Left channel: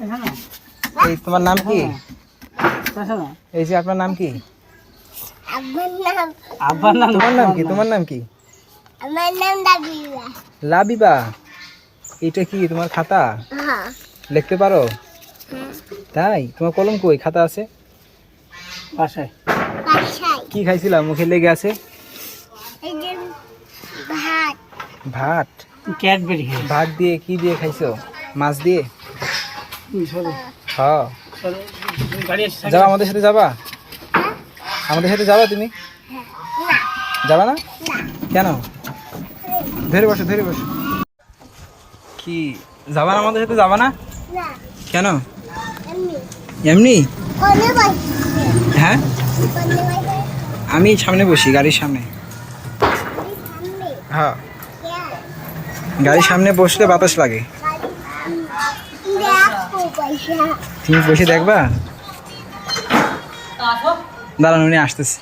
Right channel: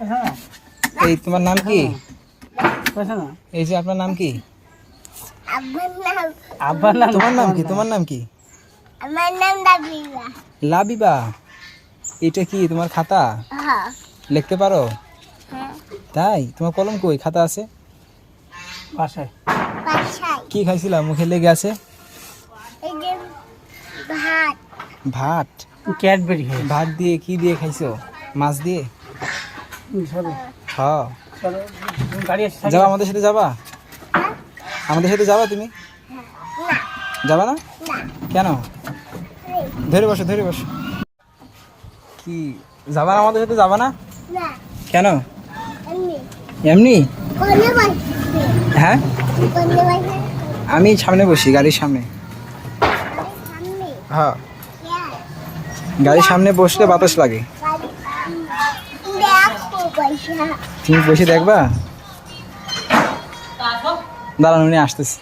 এই তোমার নাম কি? এই যে আপনার নাম কি? তোমার নাম কি? তোমার নাম কি? আমার নাম লাবিবা। লাবিবা। এটা কি তোমার খাতা? হ্যাঁ। লিখতে পারো? তাই? তোমার কলম কই? খাতা আছে বাসায়। কি খাইছিলা? মুখে লেগে আছে? এই যে ভাত। ভাত? ক্যাডবেরি ভাত দিয়ে কি দিয়ে খাইছো? মাছ দিয়ে? হ্যাঁ। যাবা আমাদের সাথে যাবা? আমাদের সাথে যাবা তুমি? যাবা না? কেন? ধরে বসো ধরে বসো। কি যাবা না আমাদের সাথে? যাবা না না। কেন? এমনি। এমনি? কোনে বসে? হ্যাঁ কোনে বসে? আমি সামনে বসি, গাড়ির সামনে। সামনে। হ্যাঁ, क्या? গাড়ির সামনে বসলে বাতাস লাগে। দেখো পয়সা। তুমি বসে দেখবা? দাঁড়ান, উনি আসতেছে।